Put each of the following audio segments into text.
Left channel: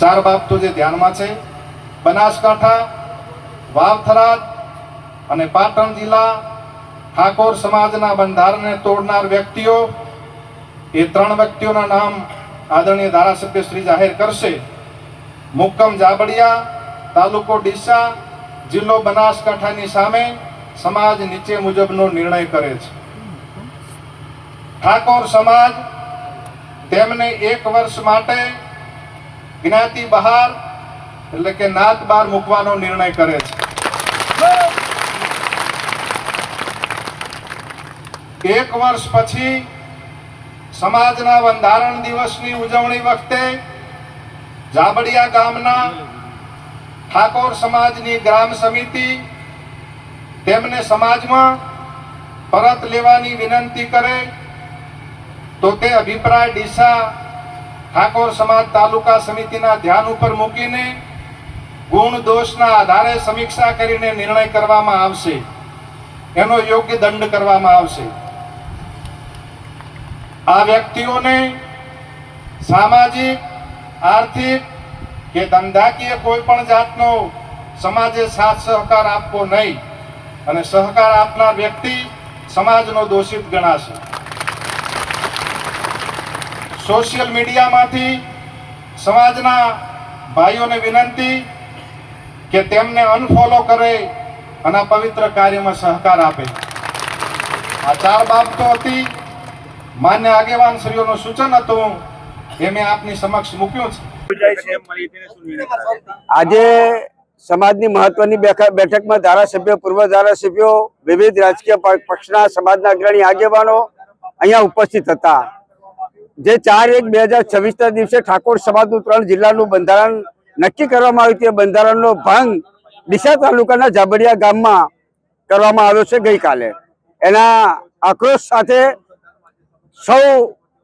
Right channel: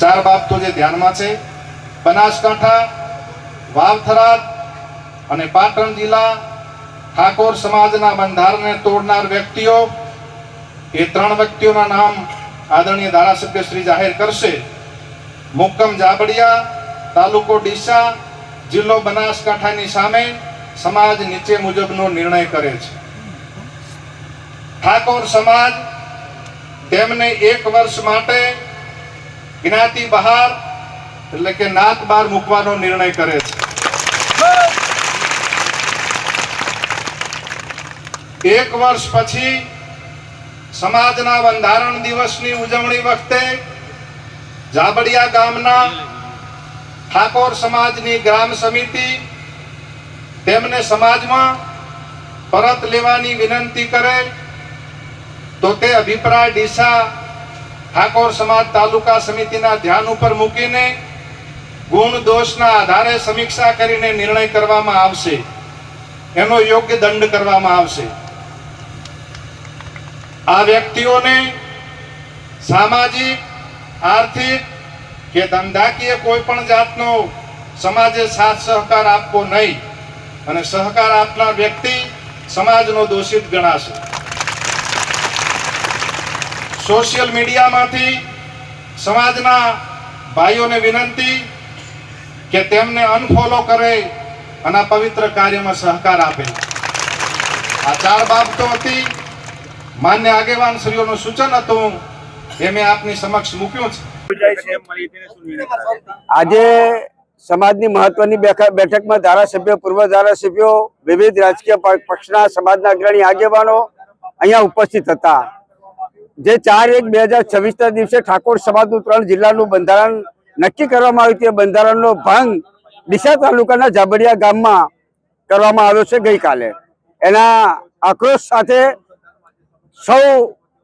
चार बाबतो जे ध्यान में है, बनासकांठा, वावथराद અને પાટણ જિલ્લા ઠાકોર સમાજના બંધારણને તોડનાર વ્યક્તિઓ, એ ત્રણ વ્યક્તિઓના નામ આદરણીય ધારાસભ્ય શ્રી જાહેર કરશે. મુક્કમ જાબડિયા, તાલુકો ડીસા, જિલ્લો બનાસકાંઠાની સામે સમાજ નીચે મુજબનો નિર્ણય કરે છે. ઠાકોર સમાજ તેમને 1 વર્ષ માટે જ્ઞાતિ બહાર એટલે કે નાત બહાર મૂકવાનો નિર્ણય કરે છે. 1 વર્ષ પછી સમાજના બંધારણ દિવસની ઉજવણી વખતે જાબડિયા ગામના ઠાકોર સમાજની ગ્રામ સમિતિ તેમને સમાજમાં પરત લેવાની વિનંતી કરે તો તે અભિપ્રાય ડીસા ઠાકોર સમાજ તાલુકા સમિતિના ધ્યાન ઉપર મૂકીને ગુણ દોષના આધારે સમીક્ષા કરીને નિર્ણય કરવામાં આવશે. એનો યોગ્ય દંડ કરવામાં આવશે. આ વ્યક્તિઓને સામાજિક, આર્થિક કે ધંધાકીય કોઈ પણ જાતનો સમાજે સાથ સહકાર આપવો નહીં અને સહકાર આપનાર વ્યક્તિ સમાજનો દોષિત ગણાશે. સોશિયલ મીડિયામાંથી સમાજના ભાઈઓને વિનંતી કે તેમને અનફોલો કરે અને પવિત્ર કાર્યમાં સહકાર આપે. આ 4 બાબતો હતી. માન્ય આગેવાન શ્રીઓનું સૂચન હતું એ મેં આપની સમક્ષ મૂક્યું છે. આજે સમાજની મહત્વની બેઠકમાં ધારાસભ્યો, પૂર્વ ધારાસભ્યો, વિવિધ રાજકીય પક્ષના સમાજના અગ્રણી આગેવાનો અહીંયા ઉપસ્થિત હતા. જે 4/1/2026 દિવસે ઠાકોર સમાજનું 3 જિલ્લાનું બંધારણ નક્કી કરવામાં આવ્યું તે બંધારણનો ભંગ ડીસા તાલુકાના જાબડિયા ગામમાં કરવામાં આવ્યો છે ગઈકાલે. એના આક્રોશ સાથે સૌ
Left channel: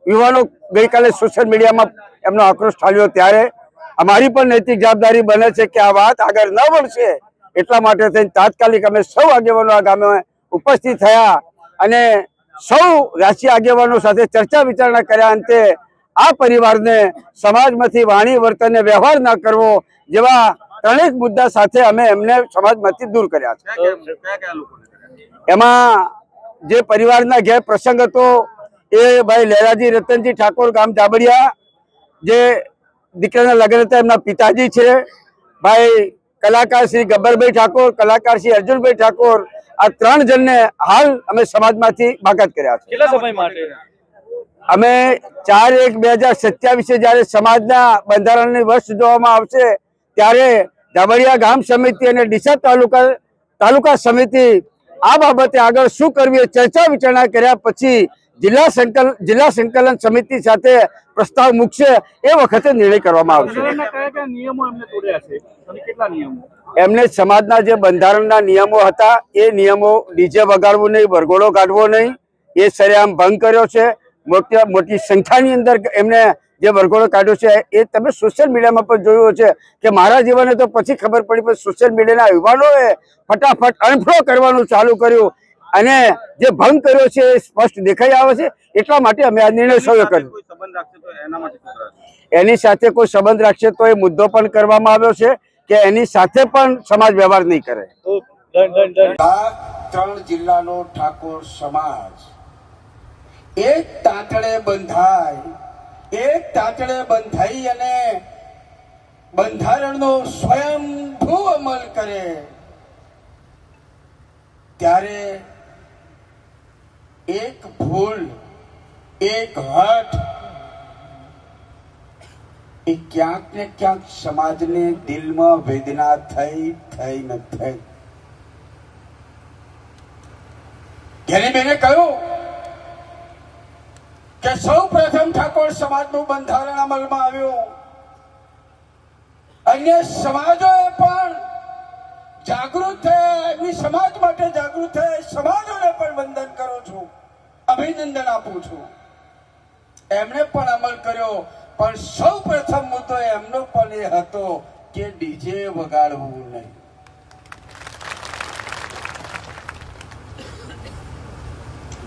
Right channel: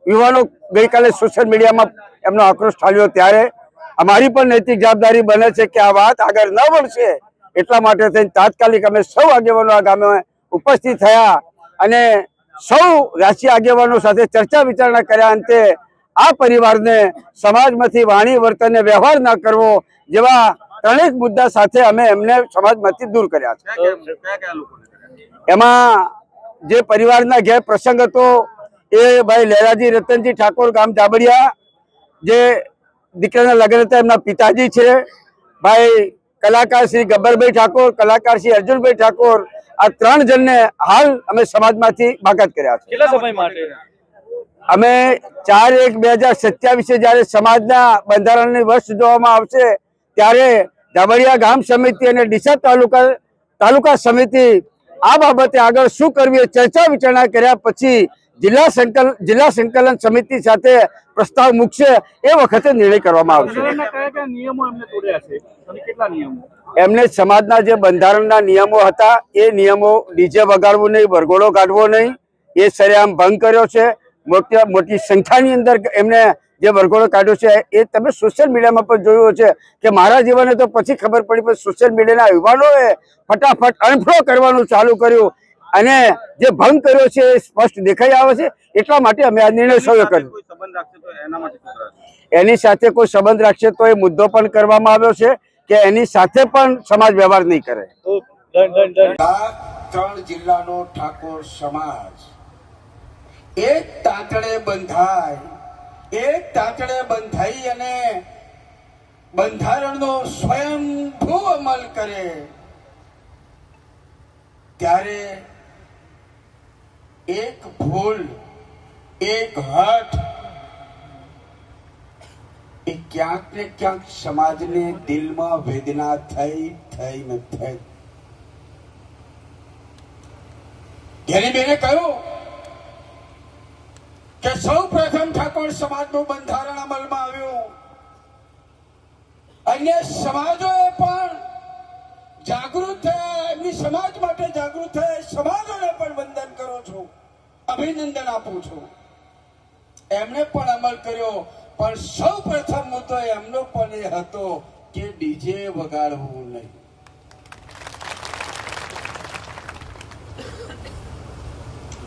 યુવાનો ગઈકાલે સોશિયલ મીડિયામાં એમનો આક્રોશ ઠાલ્યો. ત્યારે અમારી પણ નૈતિક જવાબદારી બને છે કે આ વાત આગળ ન વળશે એટલા માટે થઈને તાત્કાલિક અમે સૌ આગેવાનો આ ગામે ઉપસ્થિત થયા અને સૌ રાજકીય આગેવાનો સાથે ચર્ચા વિચારણા કર્યા. અંતે આ પરિવારને સમાજમાંથી વાણી, વર્તન અને વ્યવહાર ન કરવો જેવા 3 મુદ્દા સાથે અમે એમને સમાજમાંથી દૂર કર્યા છે. એમાં જે પરિવારના ઘેર પ્રસંગ હતો એ ભાઈ લહેરાજી રતનજી ઠાકોર, ગામ જાબડિયા, જે દીકરાના લગ્ન હતા એમના પિતાજી છે. ભાઈ કલાકાર શ્રી ગબ્બરભાઈ ઠાકોર, કલાકાર શ્રી અર્જુનભાઈ ઠાકોર, આ 3 જણને હાલ અમે સમાજમાંથી બાકાત કર્યા છે. કેટલા સમય માટે? અમે 4/1/2027 જયારે સમાજના બંધારણની વર્ષ જોવામાં આવશે ત્યારે જાબડિયા ગામ સમિતિ અને ડીસા તાલુકા સમિતિ આ બાબતે આગળ શું કરવી એ ચર્ચા વિચારણા કર્યા પછી જિલ્લા સંકલન સમિતિ સાથે પ્રસ્તાવ મૂકશે. એ વખતે નિર્ણય કરવામાં આવશે. એમને સમાજના જે બંધારણના નિયમો હતા એ નિયમો ડીજે વગાડવું નહીં, વરઘોડો કાઢવો નહીં, એ સરેઆમ ભંગ કર્યો છે. મોટી સંખ્યાની અંદર એમને જે વરઘોડો કાઢ્યો છે એ તમે સોશિયલ મીડિયામાં પણ જોયું છે કે મારા જીવને તો પછી ખબર પડી, પણ સોશિયલ મીડિયાના યુવાનોએ ફટાફટ અનફોલો કરવાનું ચાલુ કર્યું અને જે ભંગ કર્યો છે એ સ્પષ્ટ દેખાઈ આવે છે. એટલા માટે અમે આ નિર્ણય સૌએ કર્યો. એની સાથે કોઈ સંબંધ રાખશે તો એ મુદ્દો પણ કરવામાં આવ્યો છે કે એની સાથે પણ સમાજ વ્યવહાર નહીં કરે. 3 જિલ્લાનો ઠાકોર સમાજ એક તાતડે બંધાઈ અને બંધારણનો સ્વયંભૂ અમલ કરે ત્યારે એક ભૂલ, એક હઠ એ ક્યાંક ને ક્યાંક સમાજને દિલમાં વેદના થઈ ન થઈ. ઘેરીબેને કહ્યું કે સૌ પ્રથમ ઠાકોર સમાજનું બંધારણ અમલમાં આવ્યું. અન્ય સમાજોએ પણ જાગૃત થયા, એમની સમાજ માટે જાગૃત થયા. સમાજોને પણ વંદન કરું છું, અભિનંદન આપું છું. એમણે પણ અમલ કર્યો, પણ સૌ પ્રથમ મુદ્દો એમનો પણ એ હતો કે ડીજે વગાડવું નહીં.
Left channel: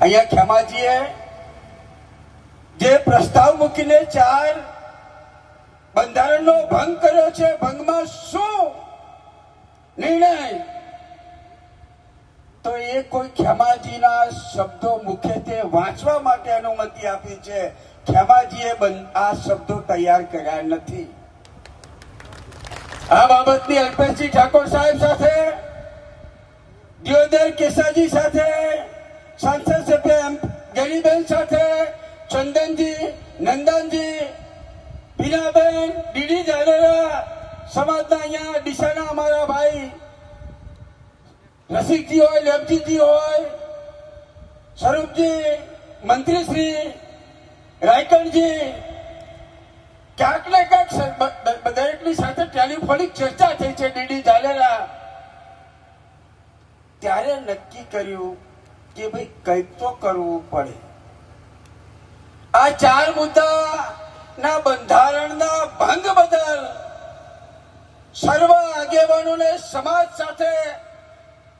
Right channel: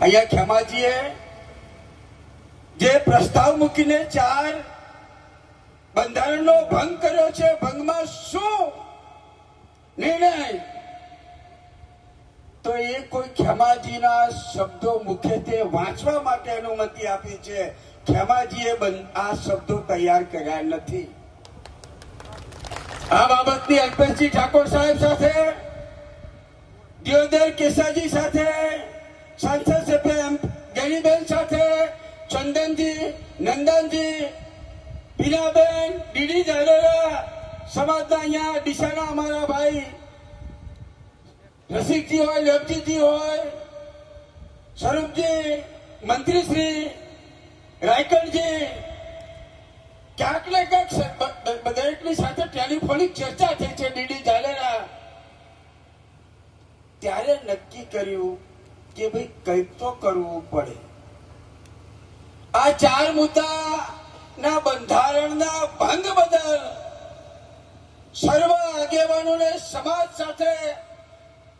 અહીંયા ખેમાજીએ જે પ્રસ્તાવ મૂકીને 4 બંધારણનો ભંગ કર્યો છે, ભંગમાં શું નિર્ણય? તો એ કોઈ ખેમાજીના શબ્દો મુખેથી વાંચવા માટે અનુમતિ આપી છે. ખેમાજીએ આ શબ્દો તૈયાર કર્યા નથી. આ બાબતની અલ્પેશજી ઠાકોર સાહેબ સાથે, દિયોદર કેસાજી સાથે, સાંસદ સભ્ય ગેરીબેન સાથે, ચંદનજી, નંદનજી, પીનાબેન, ડીડી જાડેજા, સમાજના અહીંયા ડીસાના અમારા ભાઈ રસિકજી હોય, લેબજીજી હોય, સ્વરૂપજી, મંત્રીશ્રી રાયકણજી, ક્યાંક ને ક્યાંક દરેકની સાથે ટેલિફોનિક ચર્ચા થઈ છે. ડીડી જાડેજા ત્યારે નક્કી કર્યું કે ભાઈ કંઈક તો કરવું પડે. આ 4 મુદ્દાના બંધારણના ભંગ બદલ સર્વ આગેવાનોને સમાજ સાથે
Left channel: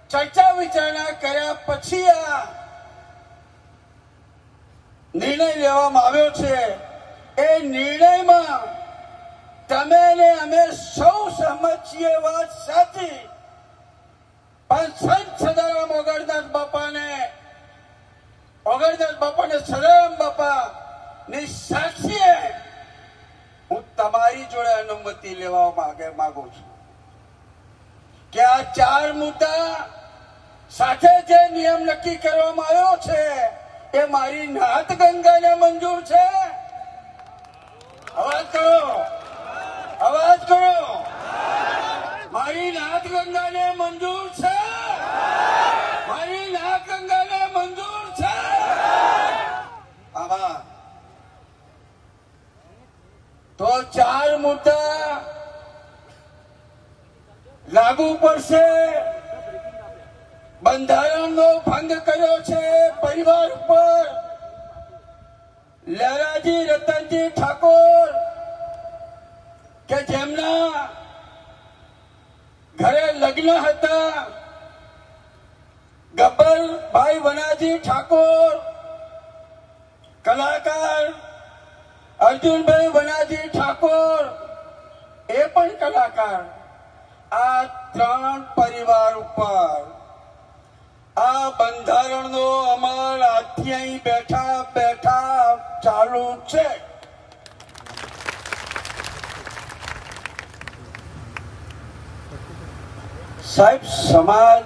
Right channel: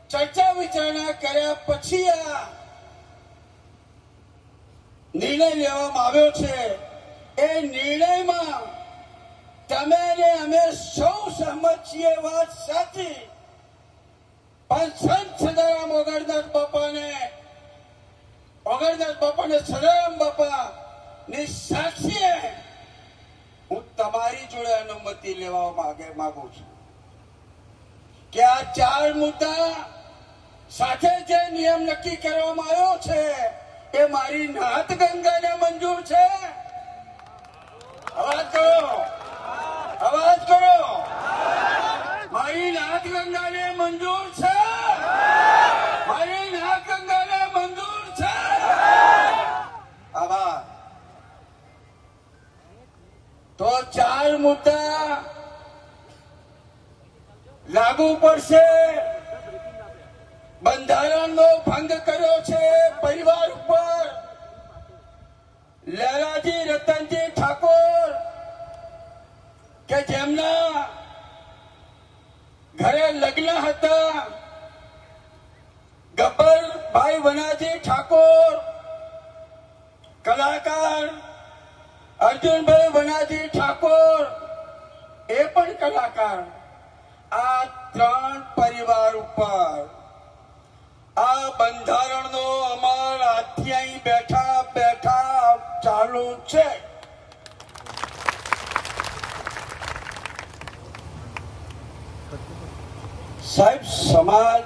ચર્ચા વિચારણા કર્યા પછી આ નિર્ણય લેવામાં આવ્યો છે. એ નિર્ણયમાં તમે ને અમે સૌ સહમત છીએ, વાત સાચી. પણ સંત સદારામ ઓગણદાસ બાપાને સદારામ બાપા ની સાક્ષીએ હું તમારી જોડે અનુમતિ લેવા માંગુ છું કે આ 4 મુદ્દા સાથે જે નિયમ નક્કી કરવામાં આવ્યો છે એ મારી નાથ ગંગાને મંજૂર છે. અવાજ કરો, અવાજ કરો. મારી નાથ ગંગાને મંજૂર છે, મારી નાથ ગંગાને મંજૂર છે. આભાર. તો 4 મુદ્દા લાગુ પડશે. બંધારણનો ભંગ કર્યો છે પરિવાર ઉપર. લહેરાજી રતનજી ઠાકોર કે જેમના ઘરે લગ્ન હતા, ગબ્બરભાઈ વનાજી ઠાકોર કલાકાર, અર્જુનભાઈ વનાજી ઠાકોર એ પણ કલાકાર. આ 3 પરિવાર ઉપર આ બંધારણનો અમલ આજથી અહીં બેઠા બેઠા ચાલુ છે. સાહેબ, સમાજ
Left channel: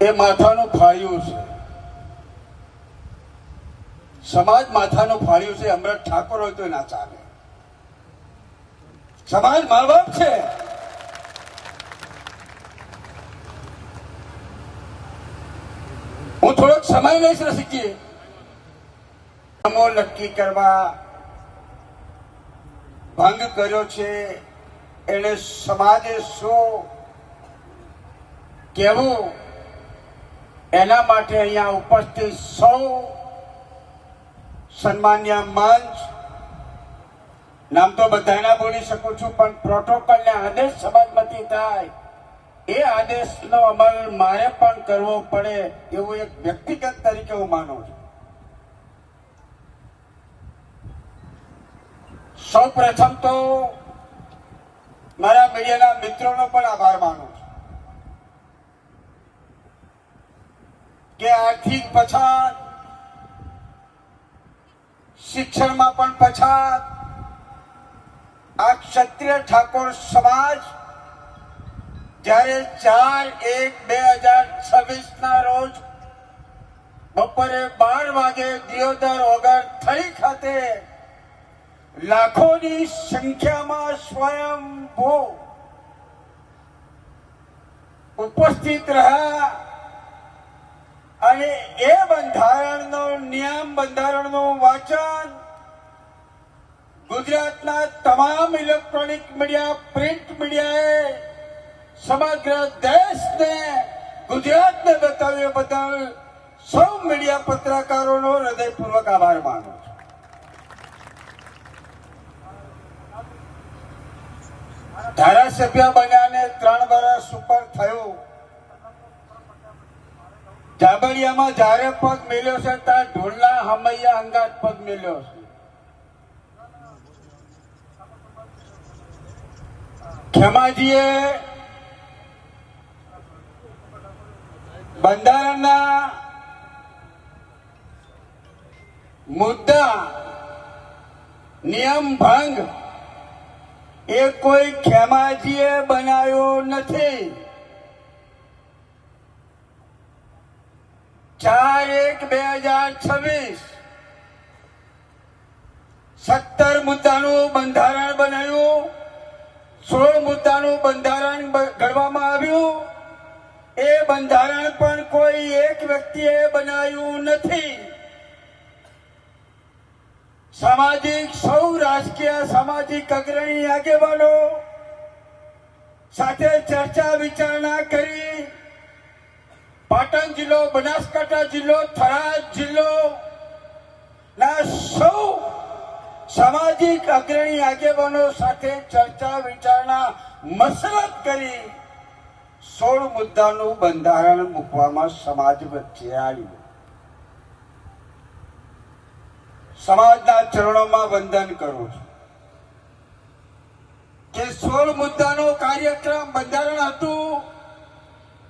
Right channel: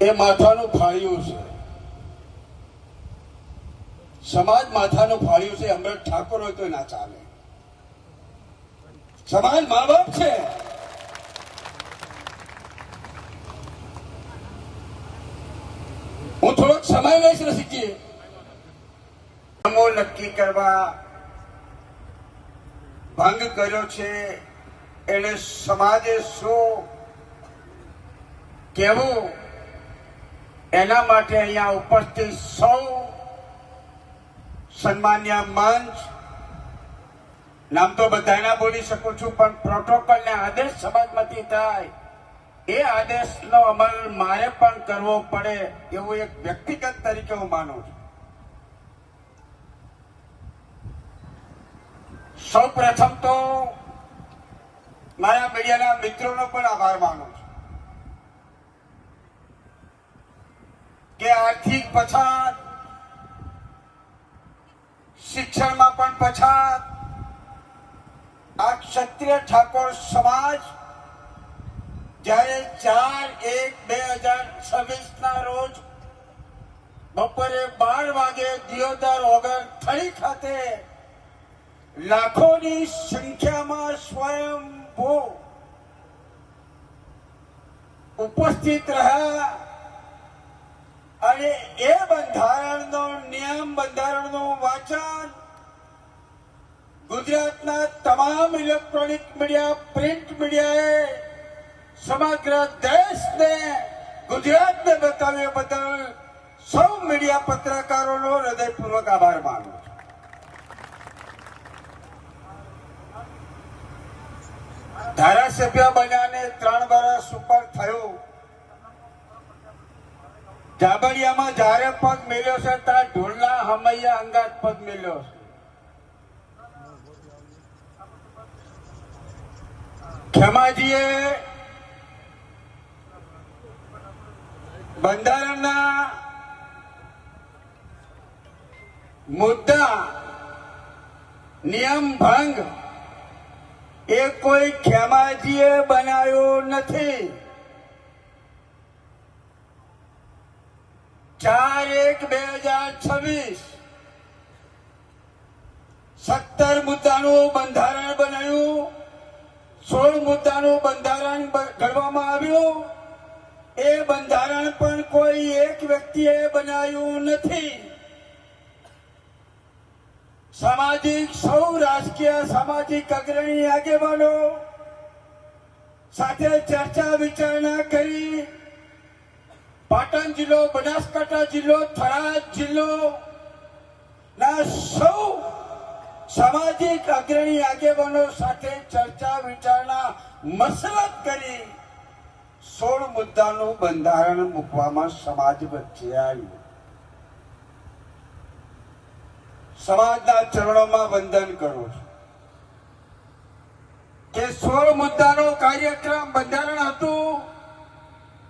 એ માથાનું ફાળ્યું છે. સમાજ માથાનું ફાળ્યું છે. અમૃત ઠાકોર હોય તો ના ચાલે. સમાજ મા બાપ છે. હું થોડોક સમય લઈશ રસિકજી. નક્કી કરવા ભંગ કર્યો છે એને સમાજે શું કહેવું એના માટે અહીંયા ઉપસ્થિત સૌ સન્માન્ય મંચ, નામ તો બધાના બોલી શકું છું પણ પ્રોટોકોલને આદેશ સમાજમાંથી થાય એ આદેશનો અમલ મારે પણ કરવો પડે એવું એક વ્યક્તિગત તરીકે હું માનું છું. સૌ પ્રથમ તો મારા મીડિયાના મિત્રોનો પણ આભાર માનું છું કે આર્થિક પછાત, શિક્ષણમાં પણ પછાત, આ ક્ષત્રિય ઠાકોર સમાજ જ્યારે 4/1/2026 ના રોજ બપોરે 12 વાગે દિયોદર ઓગણથળી ખાતે લાખોની સંખ્યામાં સ્વયંભૂ ઉપસ્થિત રહ્યા અને એ બંધારણનો નિયમ, બંધારણનું વાંચન ગુજરાતના તમામ ઇલેક્ટ્રોનિક મીડિયા, પ્રિન્ટ મીડિયાએ સમગ્ર દેશને, ગુજરાતને બતાવ્યા બદલ સૌ મીડિયા પત્રકારોનો હૃદયપૂર્વક આભાર માનું છું. ધારાસભ્ય બન્યાને 3 વર્ષ ઉપર થયું. જાબડિયામાં જ્યારે પગ મેલ્યો છે ત્યાં ઢોલના હમૈયા અહીંયા અંગાત પગ મેલ્યો છે. ખેમાજીએ બંધારણના મુદ્દા નિયમ ભંગ એ કોઈ ખેમાજીએ બનાવ્યો નથી. 4/1/2026 17 મુદ્દાનું બંધારણ બનાવ્યું, 16 મુદ્દાનું બંધારણ ઘડવામાં આવ્યું. એ બંધારણ પણ કોઈ એક વ્યક્તિએ બનાવ્યું નથી. સામાજિક સૌ રાજકીય સામાજિક અગ્રણી આગેવાનો સાથે ચર્ચા વિચારણા કરી પાટણ જિલ્લો, બનાસકાંઠા જિલ્લો, થરાદ જિલ્લો ના સૌ સામાજિક અગ્રણી આગેવાનો સાથે ચર્ચા વિચારણા મસરત કરી 16 મુદ્દાનું બંધારણ મૂકવામાં સમાજ વચ્ચે આવ્યું. સમાજના ચરણોમાં વંદન કરું છું કે 16 મુદ્દાનો કાર્યક્રમ બંધારણ હતું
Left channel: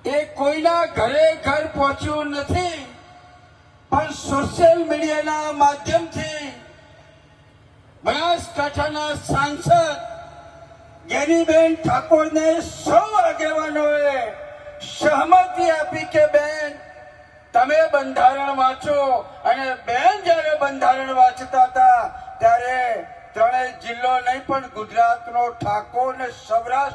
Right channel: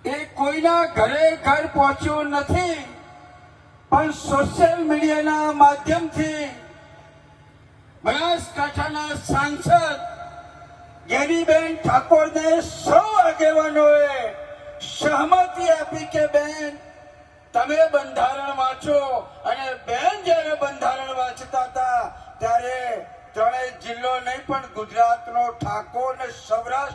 એ કોઈના ઘરે ઘર પહોંચ્યું નથી, પણ સોશિયલ મીડિયાના માધ્યમથી બનાસકાંઠાના સાંસદ જ્ઞાનીબેન ઠાકોરને સૌ આગેવાનોએ સહમતિ આપી કે બેન તમે બંધારણ વાંચો. અને બેન જયારે બંધારણ વાંચતા હતા ત્યારે ત્રણેય જિલ્લો નહીં પણ ગુજરાતનો ઠાકોર અને સૌરાષ્ટ્ર